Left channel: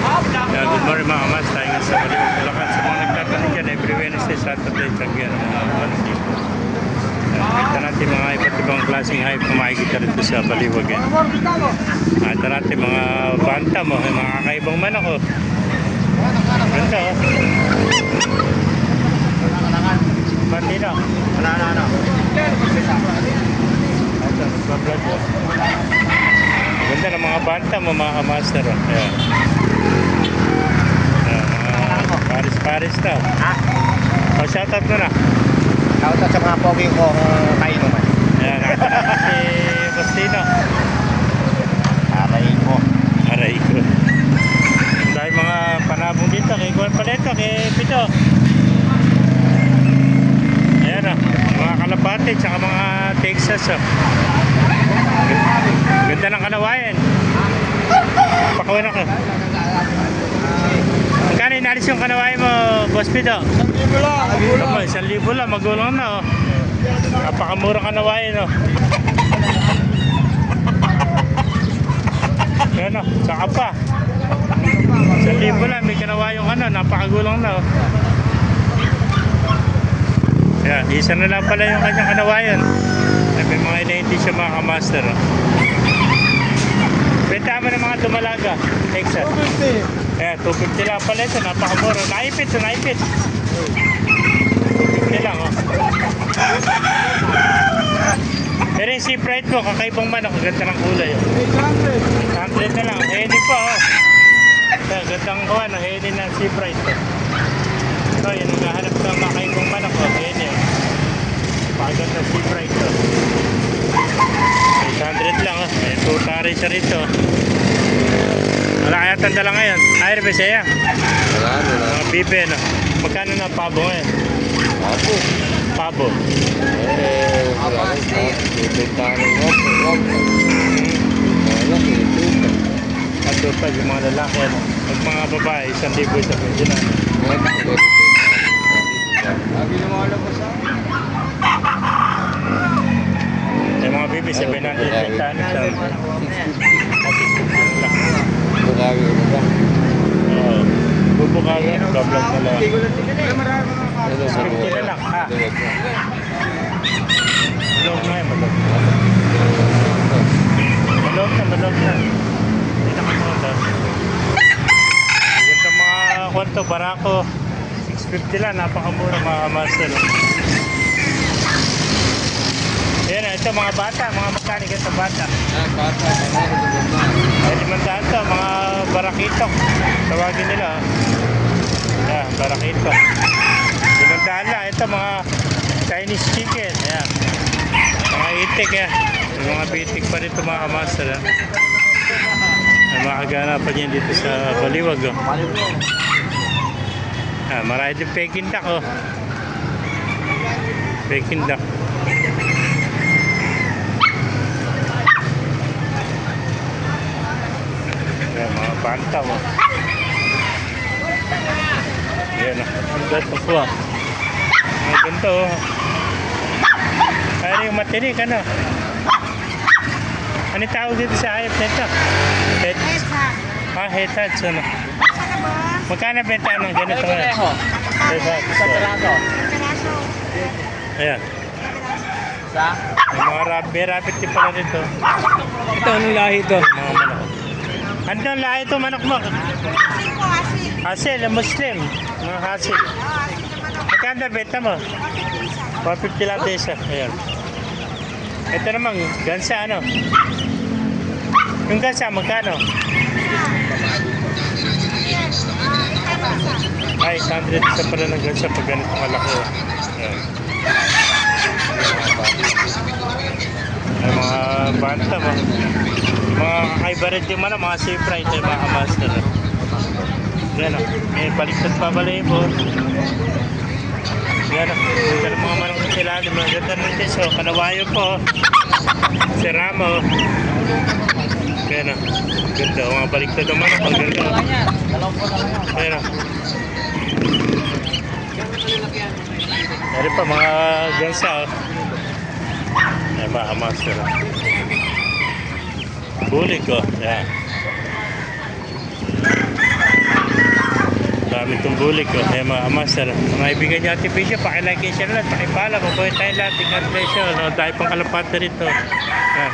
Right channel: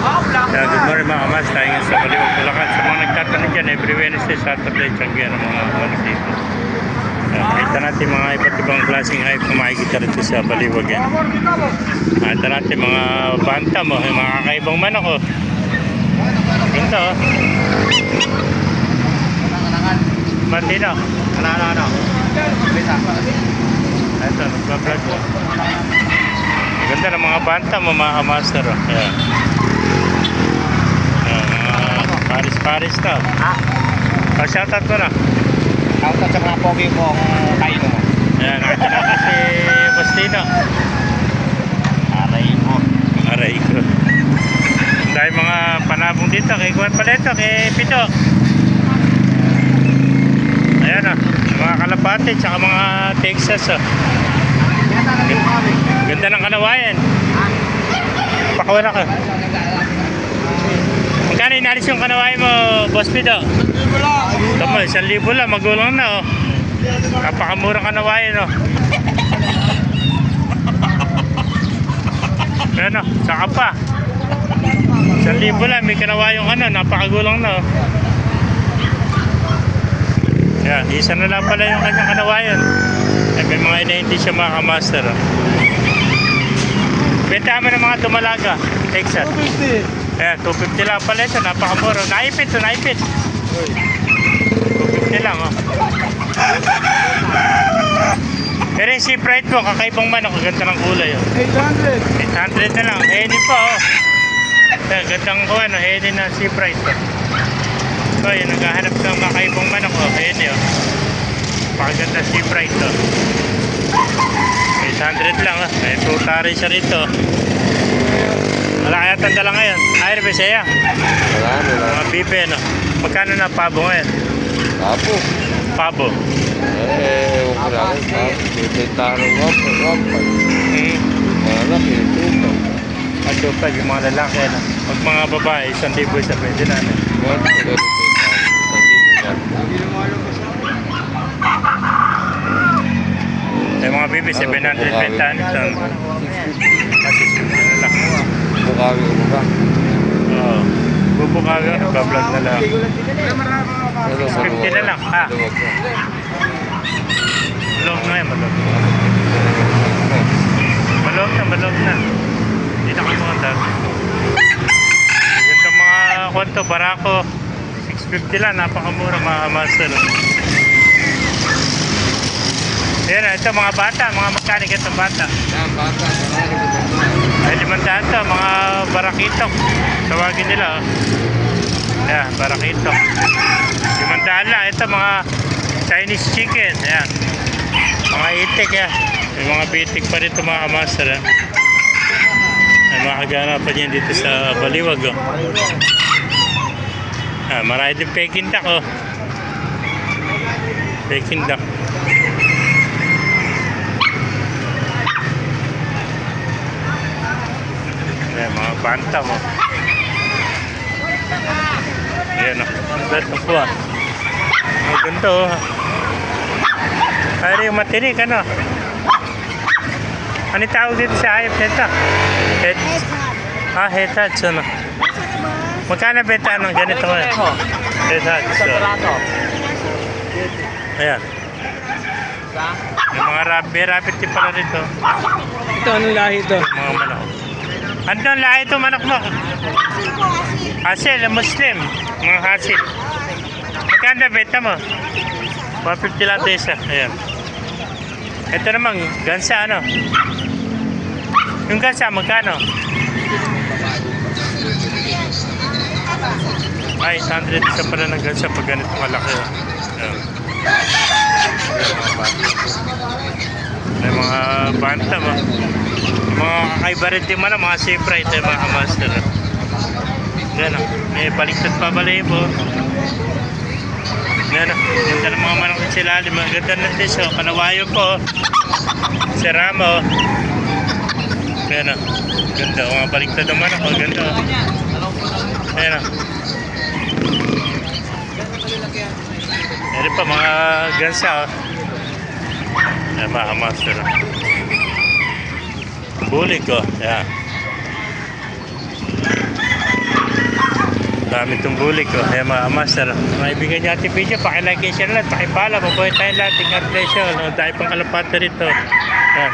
Yeah, good morning mga kamas, tayo nga sa Baliwag, Bulacan. Sa mga nagtatanong dyan, every Wednesday, Saturday, Tanggihan ang mga manok dito. Kita natin mga iba't ibang klaseng hype na makikita rito sa Baliwag yan. Kita natin mga bantam, mga kakaibang manok. Ganda oh. Martino. Ito, nagpa-vlog oh. Ganda ng mga bantam, mga kamaster oh. Ayan. Paris to. Ha? O, shoutout mo na. Shoutout sa mga pogi kong kaino mo. Ayan, natin si Bustino. Aray ko. Aray ko. Dahil mga panabong dito, kay Juan Paleto, kay Pito. Ayan o, mga kalapate, tsaka mga Texas o. Ganda ng kanawayan. Pakawan ako. Magkano inalis yung kanawayan mo, Boss Pito? Tama, 1,000 lang, magulang na oh. Napakamurang kanawayan oh. Ayan oh, saka pa 1,000 lang, may kanawayang ano, napakagulang na oh. Ayan, isa na lang pala yung kanyang kanawayan. Ay, may mga inahinti siya mga kamaster oh. Benta mo ng mga dumalaga, Texas. Ayan, 250 lang pala ito, napakamura. Naipit ito, naipit. 250 lang oh. Pero yung sea pride mo, kakaibang manok, ganda ng kulay oh. 800 na lang, heni pa oh. Ayan, gandang kuhan oh, heni na sea pride oh. So yun, naghahanap ng kakaibang manok oh, heni oh. Pakaganda sea pride oh. 800 lang oh, may tuta rin siya rito. Wala kaya tanda lang ngayon. Ay, Rebesaya. Wala. Mga bibe, no? Magkano na pabo ngayon? Pabo. Pabo. Wala rin. Bibentahan ng wap. Wala, pinitupan. At pa, yung mga lalaki, ano? Pag mga babae, 1,000 isa pwede na, ano? Yung mga bibe, 700 bentahan ito. Kasi na lang. Bukawi mo ba? Oo. Bubukaga, bablog na lang. 50 na lang, ha? Malog na yun, malog. Malog na. Hindi na kayo mga dog. Ganda mga kwanto, barako. 650 lang, napakamura mga master. Ayan, ito mga bata, mga mechanic itong bata. Bata, Ay, 500 to, mga barakitok. Tawagin nila. Ayan, barakitok. 500 lang. Ito, mga Chinese chicken. Ayan. Mga itik, yan. May mga bitik pa rito, mga kamaster. Ay, makaganapan yan dito sa Baliwag. Oh. Ayan, marami din Peking duck. Oh. Peking duck. Ayan, mga bantam oh. Ayan oh. Ganda po ah. Ang ganda oh. Ay, yung matinik ano. Ano tawag dito sa hayop nito? Headhuts ano. Magkano benta ng ganito ngayon? Headhuts so. Ayan. May mga rabbit tip pala rito. Ito, anong lahi ito? Mga manok. Ano ang lahi ito manok mo? Hasil, Muslim. Mga hasil. Magkanda beta mo? 150 lang ito isa. Ayan. Ito naman, gansa ano? Yung gansa, magkano? Ay, 100 isa pala ng gansa pag ganito malaki. Ayan. Ay, mga bantam oh. Mga kakaiba rin din man, mga safe ride, mga master. Yan o, may baliktad pa balayibo. Yan o, ganda ng mga manok ng silalim. Ang ganda ng tiso, kanawayo po. Sirama o. Yan o, ganda o, mga baliktad ng manok o, ganda o. Yan o. Meron pa mga gansa o. Yan mga master o. Bulik ko, yan. Dami itong bulik ko. Kaya mga master. Mga ibigan niyo ating video. Pakilike and share lang. Pakipala. Mabuhay tayong lahat. Ingat presyo. No? Dahil pang kalapate rito. Yan.